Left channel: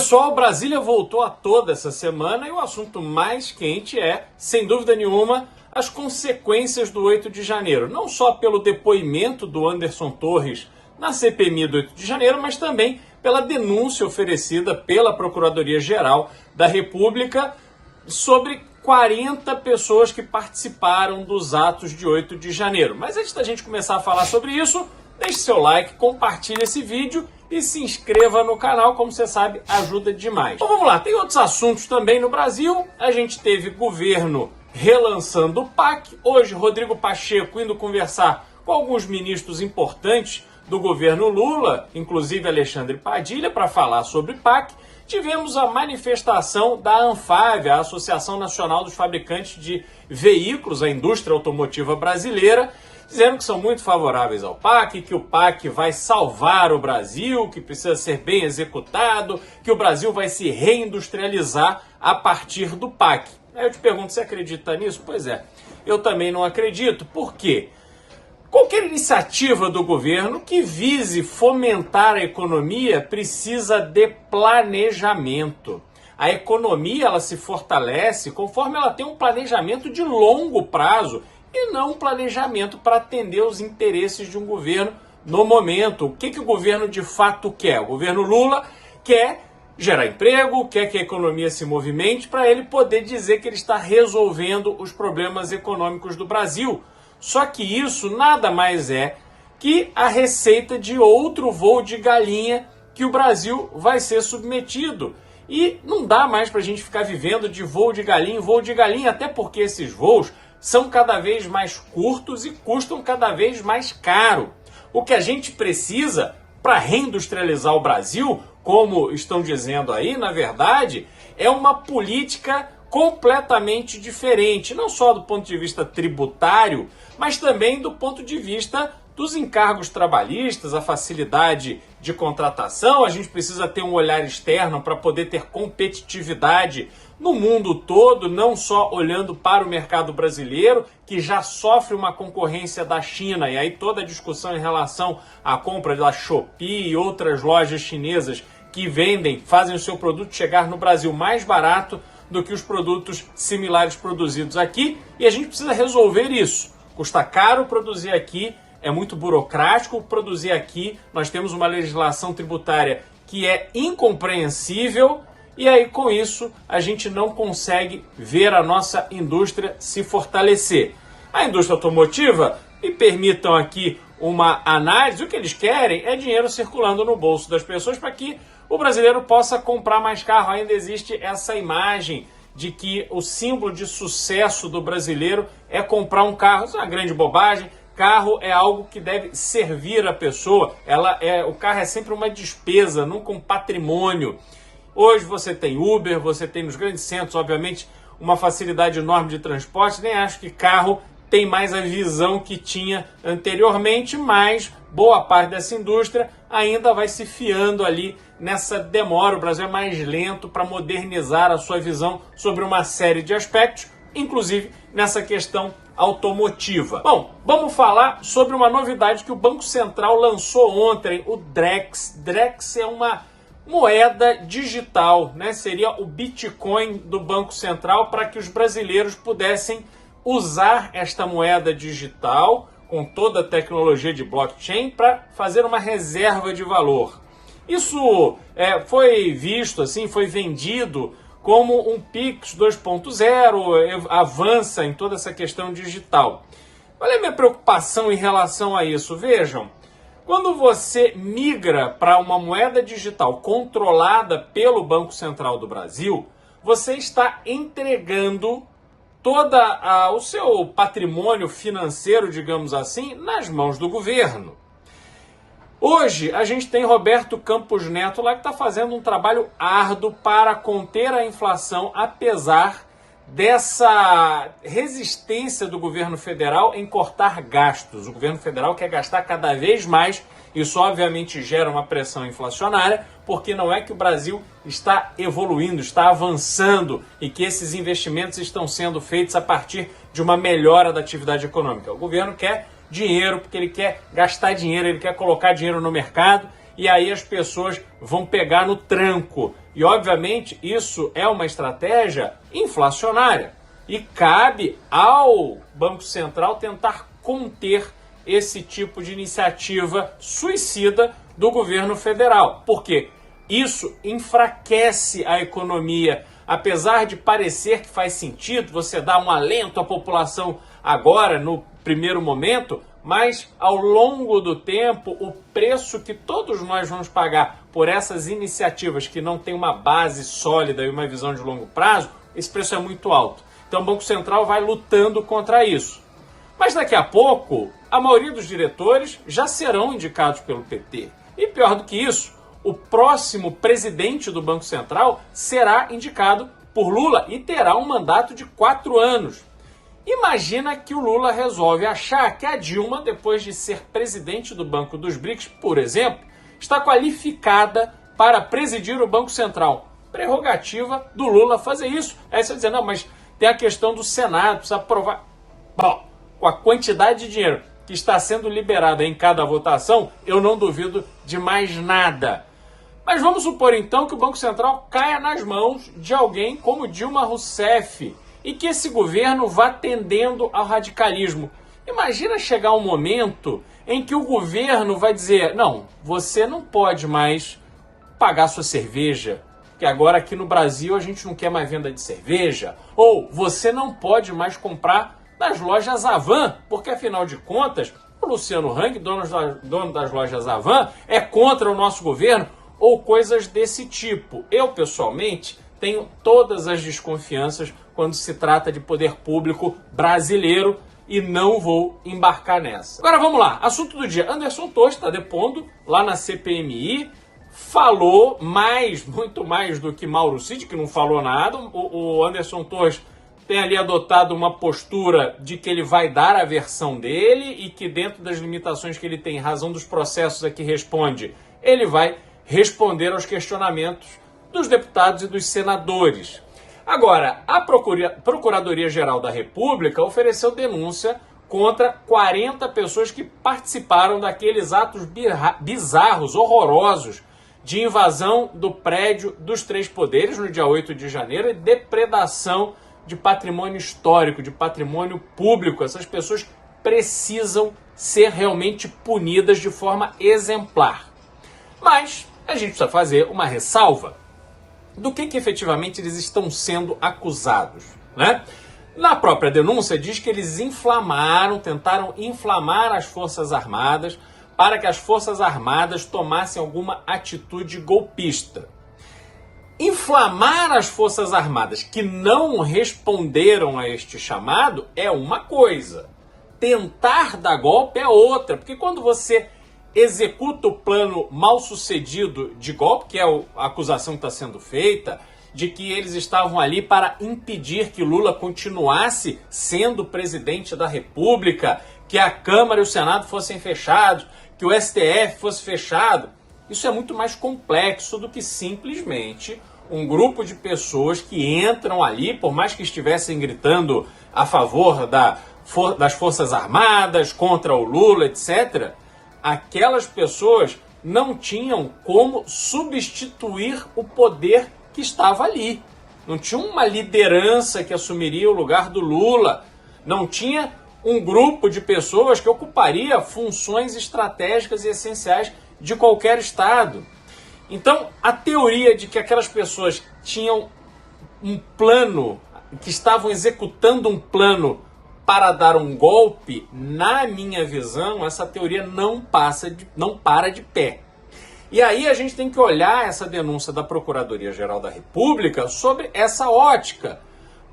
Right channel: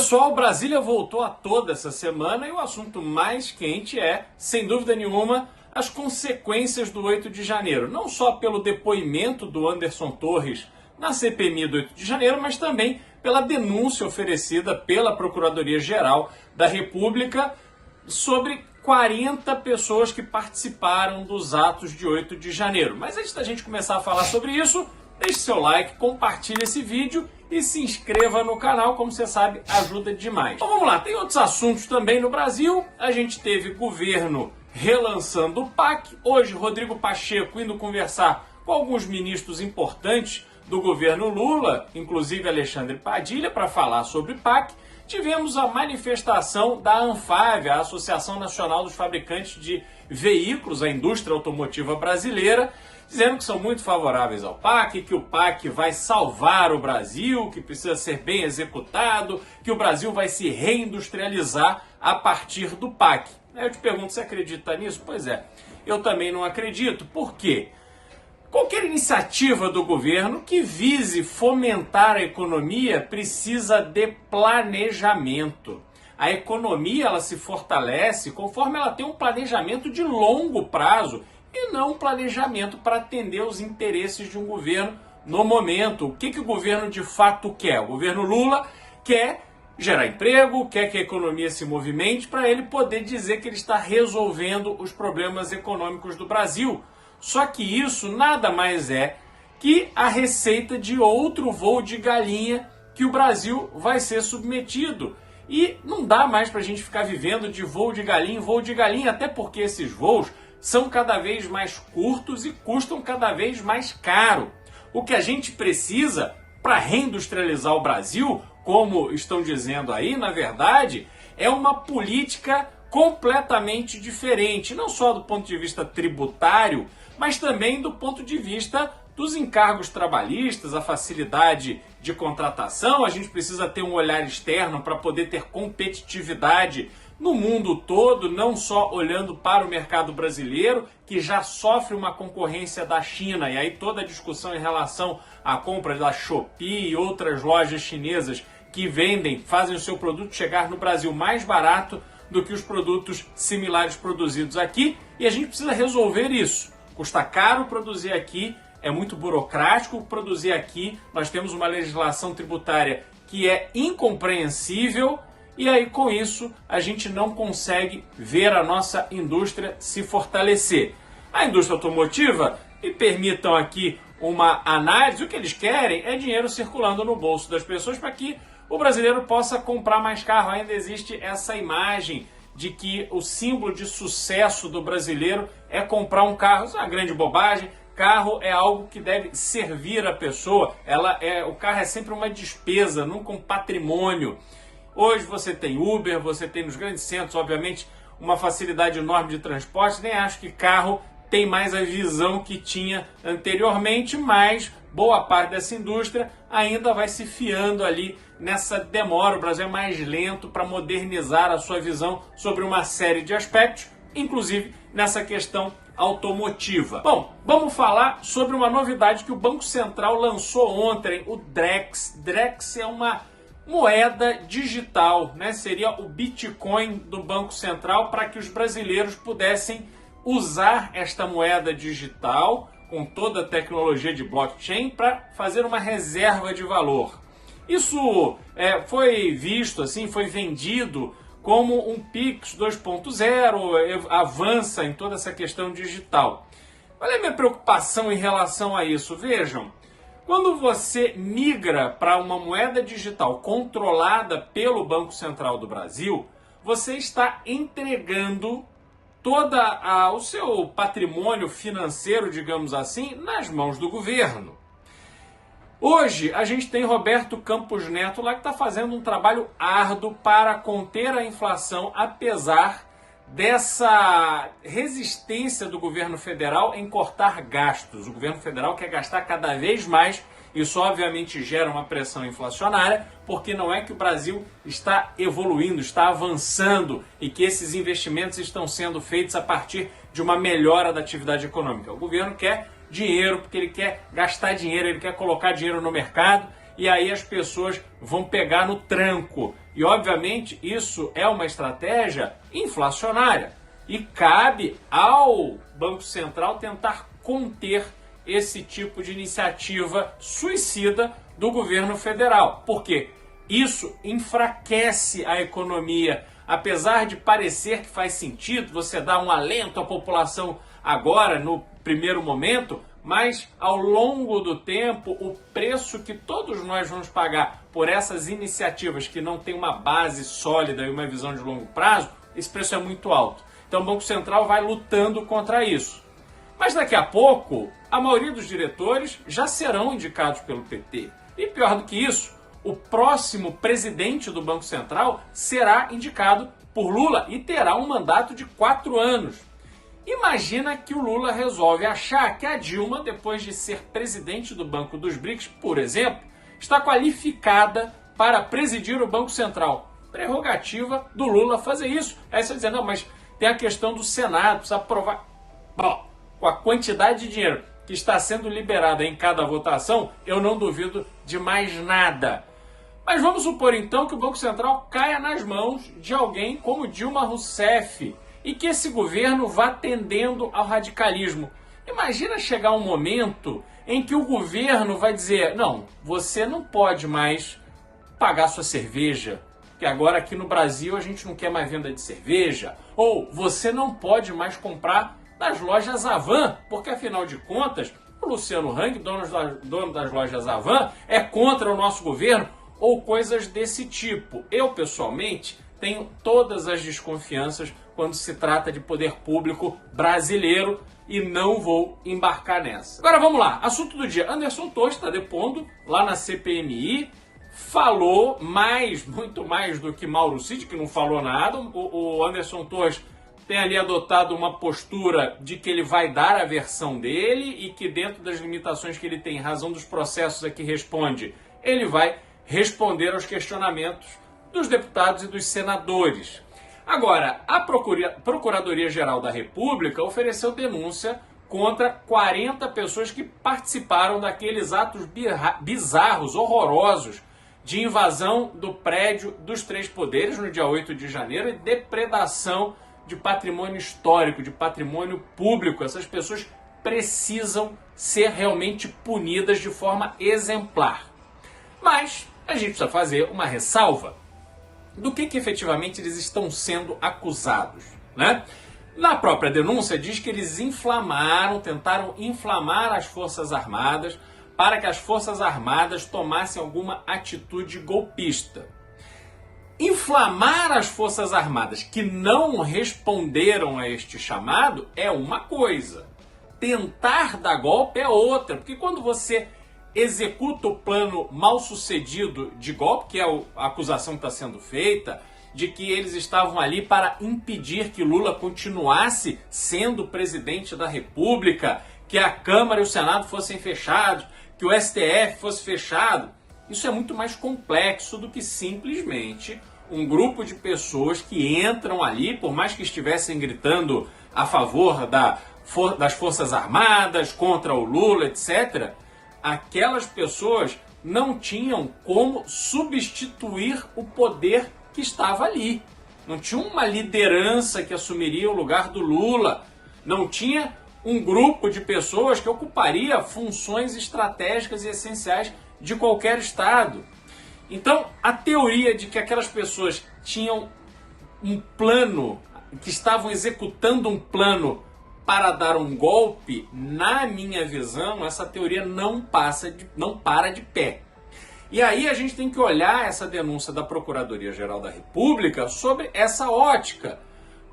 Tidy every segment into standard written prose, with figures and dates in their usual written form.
Pessoal, Brasília voltou a toda essa semana e o assunto mais quente é, sem dúvida nenhuma, as consequências do 8 de janeiro. Não só pelo depoimento do Anderson Torres na CPMI do 8 de janeiro, mas também pela denúncia oferecida pela Procuradoria-Geral da República sobre 40 pessoas que participaram dos atos de 8 de janeiro. Mas antes da gente começar a falar sobre isso, deixe seu like, compartilhe esse vídeo e se inscreva no canal, como você sabe, ajuda demais. Então vamos lá, tem outros assuntos também no Brasil. A gente teve governo relançando o PAC. Hoje, Rodrigo Pacheco indo conversar com alguns ministros importantes do governo Lula, inclusive Alexandre Padilha, para falar sobre PAC. Tivemos a manifestação da ANFAV, a Associação Nacional dos Fabricantes de Veículos, a indústria automotiva brasileira, dizendo que são muito favoráveis ao PAC, que o PAC vai salvar o Brasil, que precisa ser bem executado, que o Brasil vai se reindustrializar a partir do PAC. Aí eu te pergunto, você acredita nisso? Pois é, eu também não acredito. Por quê? Qualquer iniciativa do governo que vise fomentar a economia precisa de planejamento. A economia ela se fortalece conforme ela tem um planejamento de longo prazo e não um planejamento para atender os interesses de um governo no momento. O que o governo de fato quer? O governo Lula quer gerar emprego, quer que a economia se movimente para ele poder dizer que ele está resolvendo os problemas econômicos do Brasil. Só que isso nada mais é que a receita de outro voo de galinha que o Brasil vai ser submetido. E não dá mais para a gente ficar vivendo de voo de galinha em voo de galinha, até porque esses voos são cada vez mais curtos e custam cada vez mais caro. O que a gente precisa para reindustrializar o Brasil, como estão dizendo aí, na verdade, é uma política completamente diferente, não só do ponto de vista tributário, mas também do ponto de vista dos encargos trabalhistas, a facilidade de contratação. A gente precisa ter um olhar externo para poder ter competitividade no mundo todo, não só olhando para o mercado brasileiro, que já sofre uma concorrência da China, e aí toda a discussão em relação à compra da Shopee e outras lojas chinesas que fazem o seu produto chegar no Brasil mais barato do que os produtos similares produzidos aqui, e a gente precisa resolver isso. Custa caro produzir aqui, é muito burocrático produzir aqui, nós temos uma legislação tributária que é incompreensível, e aí com isso a gente não consegue ver a nossa indústria se fortalecer. A indústria automotiva, me permitam aqui uma análise, o que eles querem é dinheiro circulando no bolso das pessoas para que o brasileiro possa comprar mais carro. Ainda existe essa imagem de que o símbolo de sucesso do brasileiro é comprar um carro. Isso é uma grande bobagem. Carro é algo que deve servir a pessoa. O carro é sempre uma despesa, nunca um patrimônio. Hoje você tem Uber, você tem nos grandes centros, obviamente, uma facilidade enorme de transporte. Nem acho que carro tem mais a visão que tinha anteriormente, mas boa parte dessa indústria ainda vai se fiando ali nessa demora. O Brasil é mais lento para modernizar a sua visão sobre uma série de aspectos, inclusive nessa questão automotiva. Bom, vamos falar sobre uma novidade que o Banco Central lançou ontem, o Drex. Drex é uma moeda digital, né? Seria o Bitcoin do Banco Central para que os brasileiros pudessem usar esta moeda digital com toda a tecnologia de blockchain para fazer uma reserva de valor. Isso foi visto, assim, foi vendido como um Pix 2.0, avança em toda essa questão digital. Olha a minha preocupação em relação a isso. Vejam, quando você migra para uma moeda digital controlada pelo Banco Central do Brasil, você está entregando todo o seu patrimônio financeiro, digamos assim, nas mãos do governo. Hoje, a gente tem Roberto Campos Neto lá que está fazendo um trabalho árduo para conter a inflação, apesar dessa resistência do governo federal em cortar gastos. O governo federal quer gastar cada vez mais. Isso obviamente gera uma pressão inflacionária, porque não é que o Brasil está evoluindo, está avançando e que esses investimentos estão sendo feitos a partir de uma melhora da atividade econômica. O governo quer dinheiro porque ele quer gastar dinheiro, ele quer colocar dinheiro no mercado e aí as pessoas vão pegar no tranco. E, obviamente, isso é uma estratégia inflacionária. E cabe ao Banco Central tentar conter esse tipo de iniciativa suicida do governo federal. Porque isso enfraquece a economia. Apesar de parecer que faz sentido você dar um alento à população agora, no primeiro momento, mas ao longo do tempo, o preço que todos nós vamos pagar por essas iniciativas que não têm uma base sólida e uma visão de longo prazo, esse preço é muito alto. Então o Banco Central vai lutando contra isso. Mas daqui a pouco, a maioria dos diretores já serão indicados pelo PT. E pior do que isso, o próximo presidente do Banco Central será indicado por Lula e terá um mandato de 4 anos. Imagina que o Lula resolve achar que a Dilma, depois de ser presidente do Banco dos BRICS, por exemplo, está qualificada para presidir o Banco Central. Prerrogativa do Lula fazer isso. Aí você vai dizer, não, mas tem a questão do Senado, precisa aprovar. Bom, com a quantidade de dinheiro que está sendo liberada em cada votação, eu não duvido de mais nada. Mas vamos supor então que o Banco Central caia nas mãos de alguém como Dilma Rousseff e que esse governo vá tendendo ao radicalismo. Imagina chegar um momento em que o governo vai dizer, não, você não pode mais pagar sua cerveja, que agora aqui no Brasil a gente não quer mais venda de cerveja, ou você não pode mais comprar nas lojas Avan, porque afinal de contas, o Luciano Hang, dono das lojas Avan, é contra o nosso governo, ou coisas desse tipo. Eu, pessoalmente, tenho todas as desconfianças quando se trata de poder público brasileiro e não vou embarcar nessa. Agora vamos lá, assunto do dia. Anderson Torres está depondo lá na CPMI, falou muito mais do que Mauro Cid, que não falou nada. O Anderson Torres tem ali adotado uma postura de que ele vai dar a versão dele e que dentro das limitações que ele tem, em razão dos processos a que responde, ele vai responder aos questionamentos dos deputados e dos senadores. Agora, a Procuradoria-Geral da República ofereceu denúncia contra 40 pessoas que participaram daqueles atos bizarros, horrorosos, de invasão do prédio dos Três Poderes no dia 8 de janeiro e depredação de patrimônio histórico, de patrimônio público. Essas pessoas precisam ser realmente punidas de forma exemplar. Mas a gente precisa fazer uma ressalva do que efetivamente eles estão sendo acusados, né? Na própria denúncia diz que eles tentaram inflamar as Forças Armadas para que as Forças Armadas tomassem alguma atitude golpista. Inflamar as Forças Armadas que não responderam a este chamado é uma coisa. Tentar dar golpe é outra, porque quando você executa o plano mal sucedido de golpe, que é a acusação que está sendo feita, de que eles estavam ali para impedir que Lula continuasse sendo presidente da República, que a Câmara e o Senado fossem fechados, que o STF fosse fechado. Isso é muito mais complexo do que simplesmente um grupo de pessoas que entram ali, por mais que estivessem gritando a favor das Forças Armadas, contra o Lula, etc., aquelas pessoas não tinham como substituir o poder que estava ali. Não tinha uma liderança que assumiria o lugar do Lula. Não tinha um grupo de pessoas que ocuparia funções estratégicas e essenciais de qualquer estado. Então, a teoria de que aquelas pessoas tinham um plano, que estavam executando um plano para dar um golpe, na minha visão, essa teoria não para de pé. E aí a gente tem que olhar essa denúncia da Procuradoria-Geral da República sobre essa ótica.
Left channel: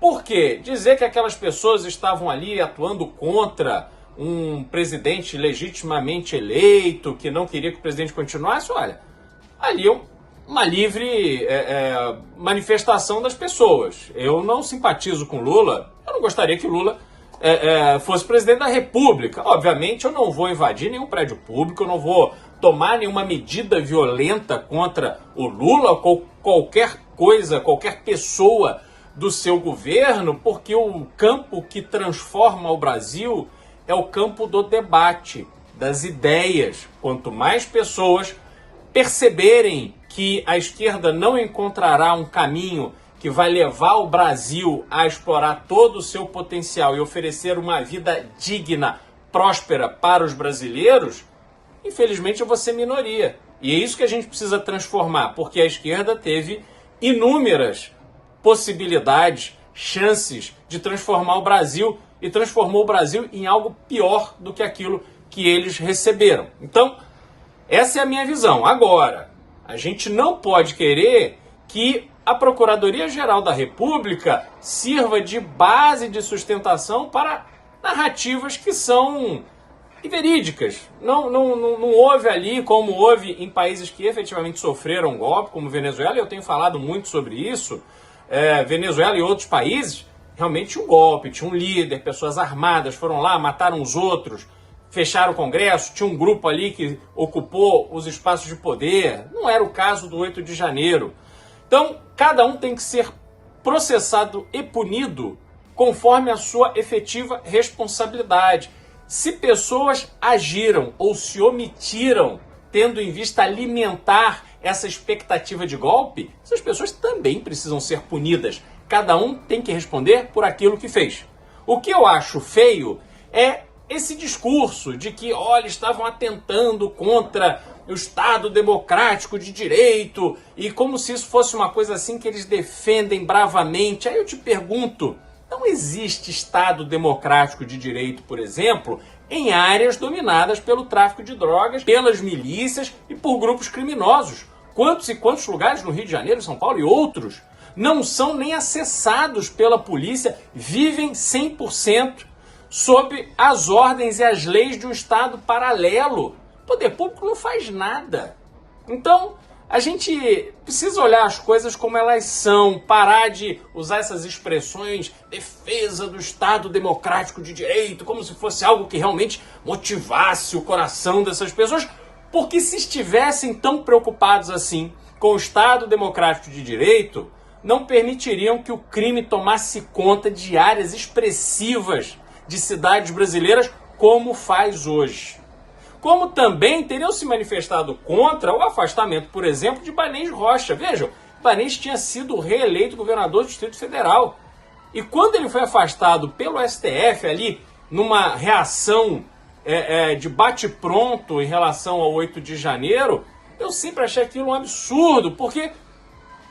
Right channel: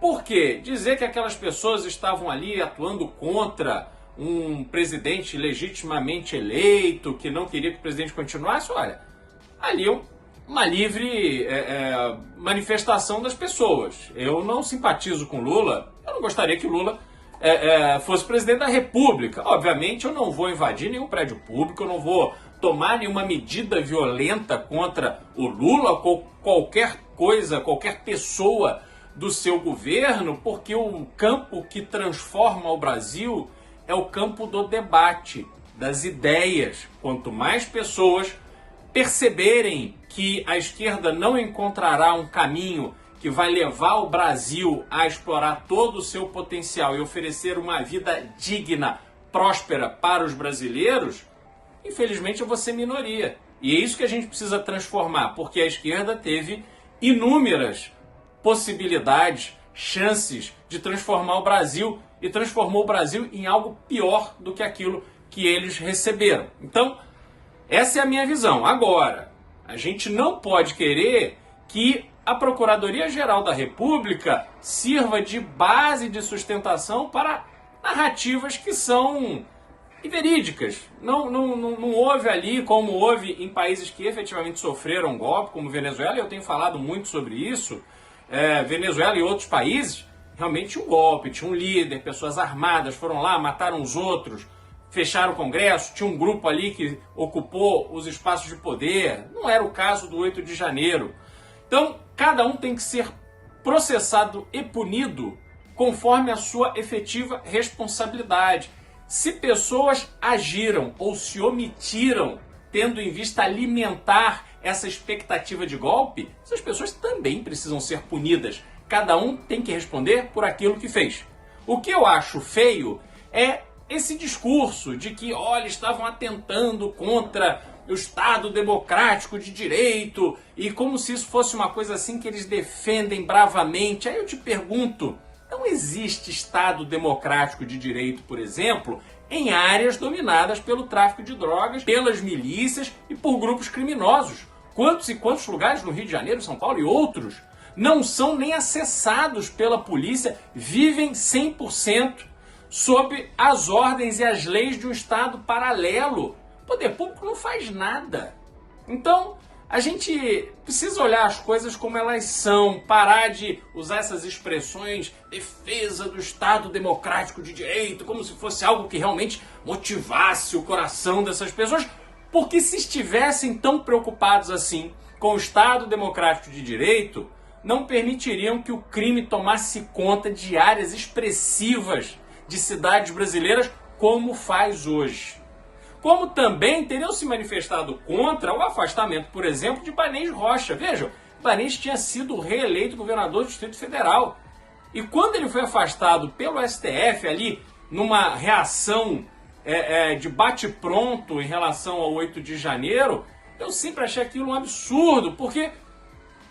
Por quê? Dizer que aquelas pessoas estavam ali atuando contra um presidente legitimamente eleito, que não queria que o presidente continuasse, olha, ali é uma livre manifestação das pessoas. Eu não simpatizo com Lula, eu não gostaria que Lula fosse presidente da República. Obviamente eu não vou invadir nenhum prédio público, eu não vou tomar nenhuma medida violenta contra o Lula ou qualquer coisa, qualquer pessoa do seu governo, porque o campo que transforma o Brasil é o campo do debate, das ideias. Quanto mais pessoas perceberem que a esquerda não encontrará um caminho que vai levar o Brasil a explorar todo o seu potencial e oferecer uma vida digna, próspera para os brasileiros, infelizmente eu vou ser minoria. E é isso que a gente precisa transformar, porque a esquerda teve inúmeras possibilidades, chances de transformar o Brasil e transformou o Brasil em algo pior do que aquilo que eles receberam. Então, essa é a minha visão. Agora, a gente não pode querer que a Procuradoria-Geral da República sirva de base de sustentação para narrativas que são verídicas. Não houve ali, como houve em países que efetivamente sofreram golpe, como Venezuela, e eu tenho falado muito sobre isso. Venezuela e outros países, realmente tinha um golpe, tinha um líder, pessoas armadas foram lá, mataram os outros, fecharam o Congresso, tinha um grupo ali que ocupou os espaços de poder. Não era o caso do 8 de janeiro. Então, cada um tem que ser processado e punido conforme a sua efetiva responsabilidade. Se pessoas agiram ou se omitiram, tendo em vista alimentar essa expectativa de golpe, essas pessoas também precisam ser punidas. Cada um tem que responder por aquilo que fez. O que eu acho feio é esse discurso de que, olha, estavam atentando contra o Estado democrático de direito e como se isso fosse uma coisa assim que eles defendem bravamente. Aí eu te pergunto, não existe Estado democrático de direito, por exemplo, em áreas dominadas pelo tráfico de drogas, pelas milícias e por grupos criminosos. Quantos e quantos lugares no Rio de Janeiro, São Paulo e outros não são nem acessados pela polícia, vivem 100% sob as ordens e as leis de um Estado paralelo. O poder público não faz nada. Então, a gente precisa olhar as coisas como elas são, parar de usar essas expressões, defesa do Estado democrático de direito, como se fosse algo que realmente motivasse o coração dessas pessoas, porque se estivessem tão preocupados assim com o Estado democrático de direito, não permitiriam que o crime tomasse conta de áreas expressivas de cidades brasileiras como faz hoje. Como também teriam se manifestado contra o afastamento, por exemplo, de Ibanez Rocha. Vejam, Ibanez tinha sido reeleito governador do Distrito Federal. E quando ele foi afastado pelo STF ali, numa reação de bate-pronto em relação ao 8 de janeiro, eu sempre achei aquilo um absurdo, porque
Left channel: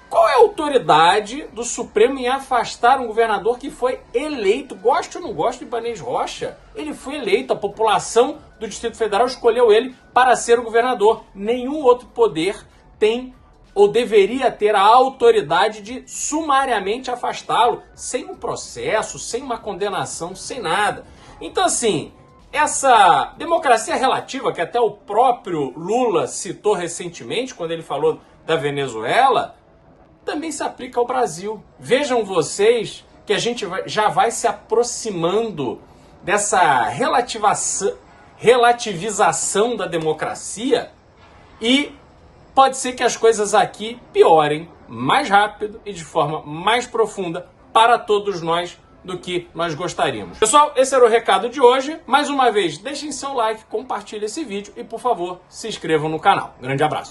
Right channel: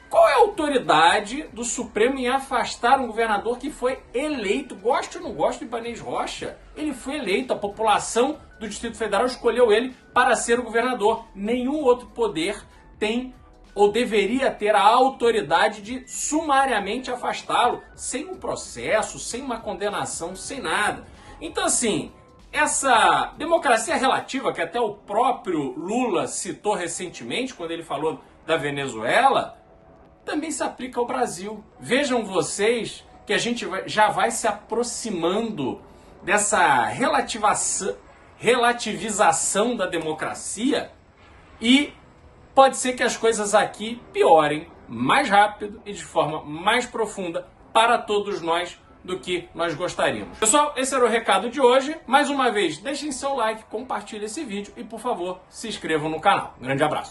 qual é a autoridade do Supremo em afastar um governador que foi eleito? Goste ou não goste de Ibanez Rocha? Ele foi eleito, a população do Distrito Federal escolheu ele para ser o governador. Nenhum outro poder tem ou deveria ter a autoridade de sumariamente afastá-lo, sem um processo, sem uma condenação, sem nada. Então, assim, essa democracia relativa, que até o próprio Lula citou recentemente, quando ele falou da Venezuela, também se aplica ao Brasil. Vejam vocês que a gente já vai se aproximando dessa relativização da democracia e pode ser que as coisas aqui piorem mais rápido e de forma mais profunda para todos nós do que nós gostaríamos. Pessoal, esse era o recado de hoje. Mais uma vez, deixem seu like, compartilhem esse vídeo e, por favor, se inscrevam no canal. Grande abraço.